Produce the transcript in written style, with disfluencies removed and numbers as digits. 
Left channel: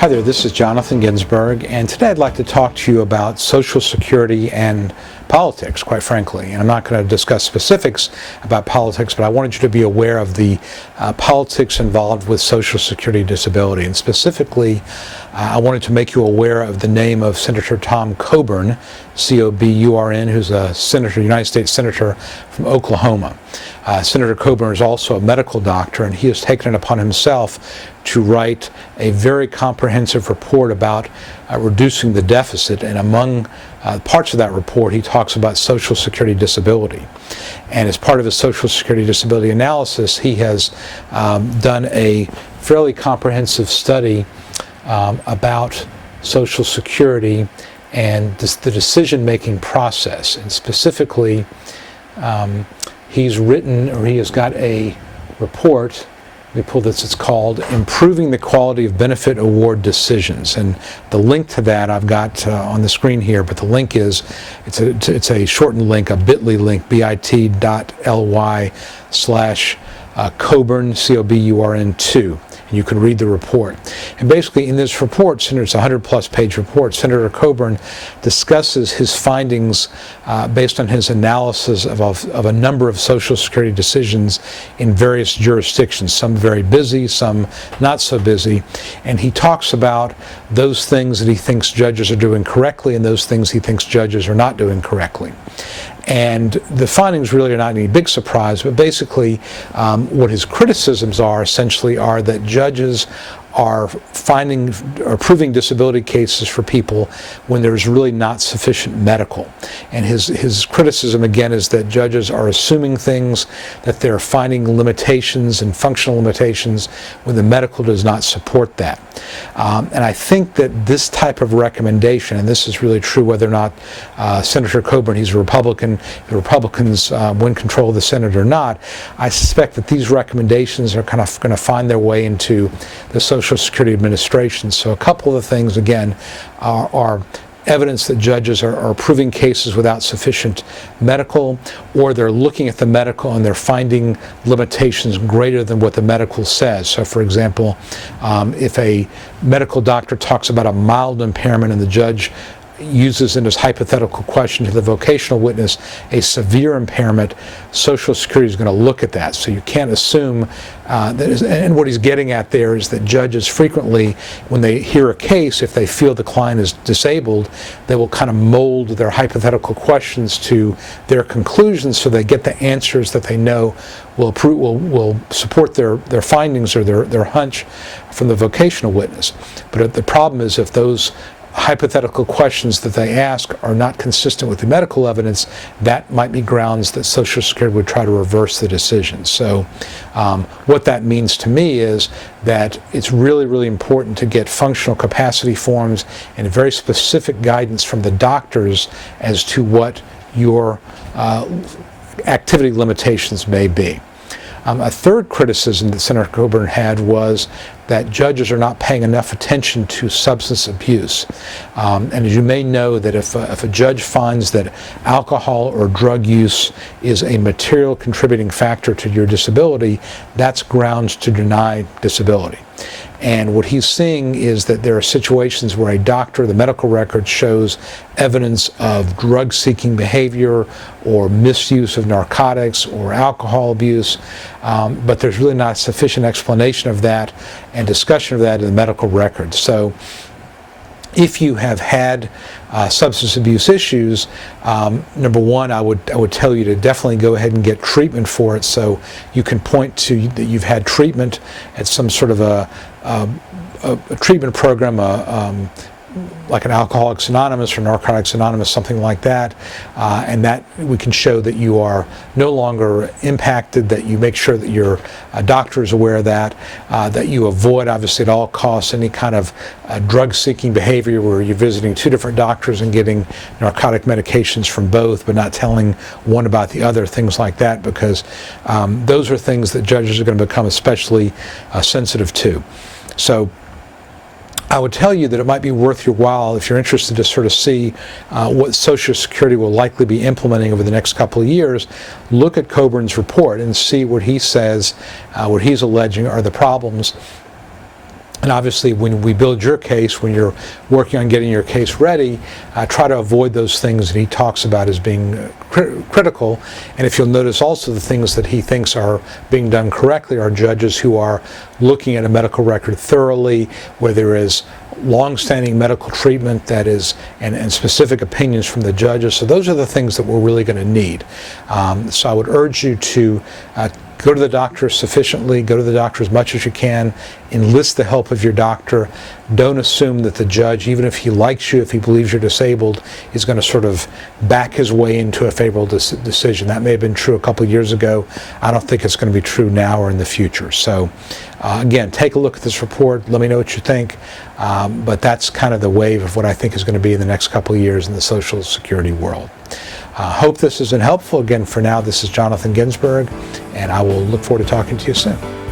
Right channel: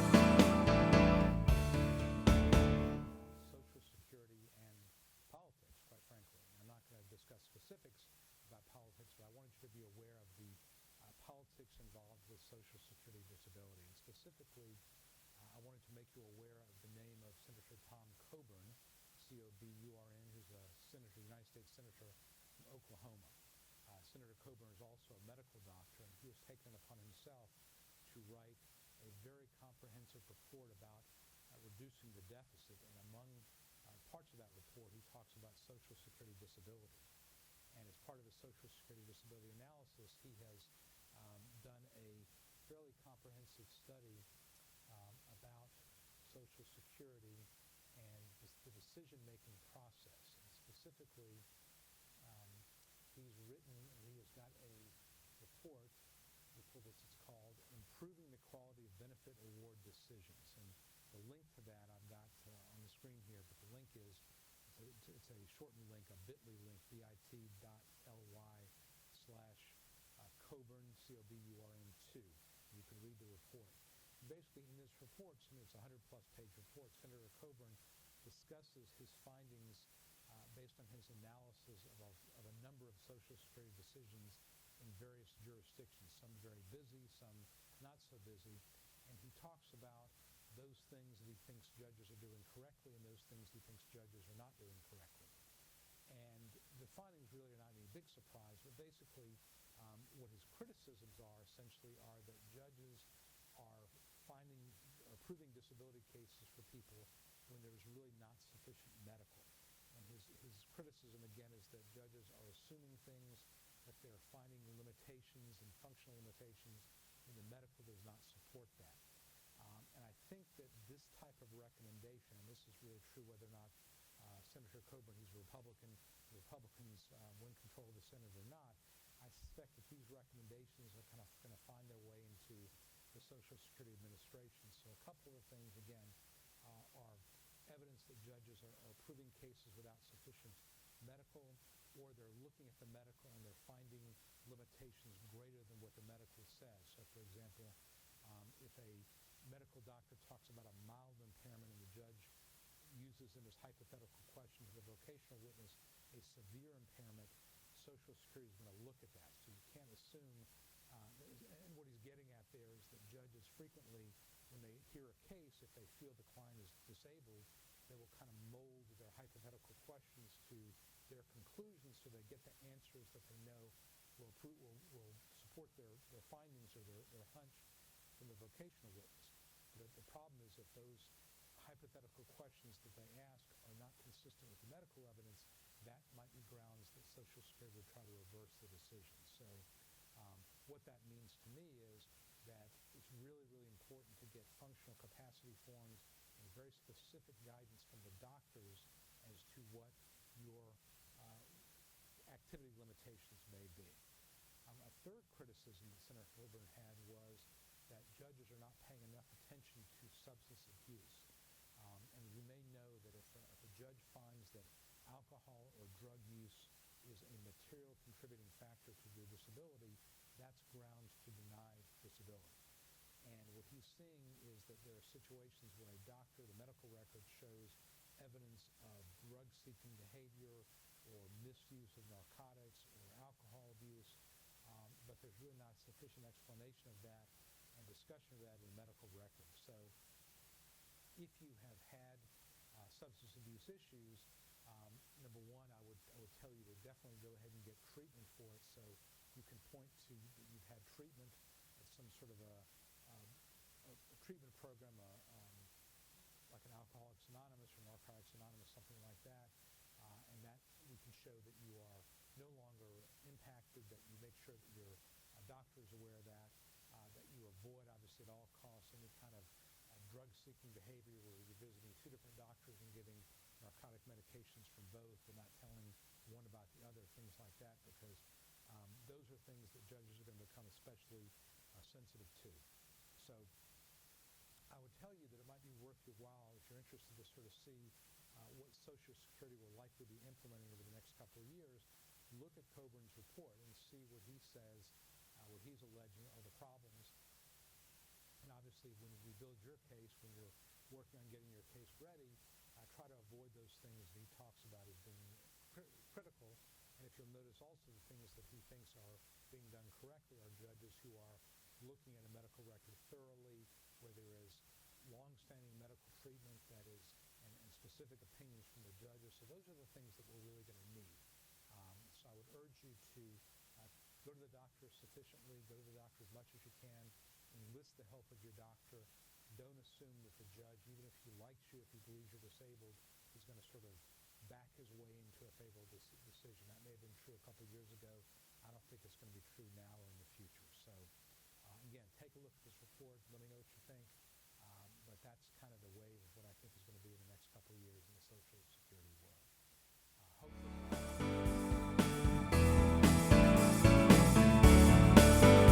Hi there, this is Jonathan Ginsberg, and today I'd like to talk to you about Social Security and politics, quite frankly. And I'm not going to discuss specifics about politics, but I wanted you to be aware of the politics involved with Social Security disability. And specifically, I wanted to make you aware of the name of Senator Tom Coburn, C-O-B-U-R-N, who's a senator, United States Senator from Oklahoma. Senator Coburn is also a medical doctor, and he has taken it upon himself to write a very comprehensive report about reducing the deficit, and among parts of that report he talks about Social Security disability. And as part of his Social Security disability analysis, he has done a fairly comprehensive study about Social Security and the decision-making process. And specifically, he has got a report. Let me pull this. It's called Improving the Quality of Benefit Award Decisions. And the link to that I've got on the screen here, but the link is, it's a shortened link, a bit.ly link, bit.ly/Coburn, C-O-B-U-R-N 2. And you can read the report. And basically in this report, it's a 100-plus page report, Senator Coburn discusses his findings based on his analysis of a number of Social Security decisions in various jurisdictions, some very busy, some not so busy. And he talks about those things that he thinks judges are doing correctly and those things he thinks judges are not doing correctly. And the findings really are not any big surprise, but basically what his criticisms are essentially are that judges are proving disability cases for people when there's really not sufficient medical. And his criticism again is that judges are assuming things, that they're finding limitations and functional limitations when the medical does not support that. And I think that this type of recommendation, and this is really true whether or not Senator Coburn, he's a Republican, the Republicans win control of the Senate or not, I suspect that these recommendations are kind of going to find their way into the Social Security Administration. So a couple of the things, again, are evidence that judges are proving cases without sufficient medical, or they're looking at the medical and they're finding limitations greater than what the medical says. So for example, if a medical doctor talks about a mild impairment and the judge uses in his hypothetical question to the vocational witness a severe impairment, Social Security is going to look at that. So you can't assume and what he's getting at there is that judges frequently, when they hear a case, if they feel the client is disabled, they will kind of mold their hypothetical questions to their conclusions so they get the answers that they know will support their findings or their hunch from the vocational witness. But the problem is if those hypothetical questions that they ask are not consistent with the medical evidence, that might be grounds that Social Security would try to reverse the decision. So what that means to me is that it's really, really important to get functional capacity forms and very specific guidance from the doctors as to what your activity limitations may be. A third criticism that Senator Coburn had was that judges are not paying enough attention to substance abuse. And as you may know, that if a judge finds that alcohol or drug use is a material contributing factor to your disability, that's grounds to deny disability. And what he's seeing is that there are situations where a doctor, the medical record shows evidence of drug-seeking behavior or misuse of narcotics or alcohol abuse, but there's really not sufficient explanation of that and discussion of that in the medical record. So if you have had substance abuse issues, number one, I would tell you to definitely go ahead and get treatment for it, so you can point to that you've had treatment at some sort of a treatment program, like an Alcoholics Anonymous or Narcotics Anonymous, something like that, and that we can show that you are no longer impacted, that you make sure that your doctor is aware of that, that you avoid, obviously at all costs, any kind of drug-seeking behavior where you're visiting two different doctors and getting narcotic medications from both but not telling one about the other, things like that, because those are things that judges are going to become especially sensitive to. So I would tell you that it might be worth your while, if you're interested to sort of see what Social Security will likely be implementing over the next couple of years, look at Coburn's report and see what he says, what he's alleging are the problems. And obviously, when we build your case, when you're working on getting your case ready, try to avoid those things that he talks about as being critical. And if you'll notice also, the things that he thinks are being done correctly are judges who are looking at a medical record thoroughly, where there is long-standing medical treatment that is, and specific opinions from the judges. So those are the things that we're really going to need. So I would urge you to go to the doctor sufficiently, go to the doctor as much as you can, enlist the help of your doctor. Don't assume that the judge, even if he likes you, if he believes you're disabled, is going to sort of back his way into a favorable decision. That may have been true a couple of years ago. I don't think it's going to be true now or in the future. So again, take a look at this report. Let me know what you think. But that's kind of the wave of what I think is going to be in the next couple of years in the Social Security world. Hope this has been helpful. Again, for now, this is Jonathan Ginsberg, and I will look forward to talking to you soon.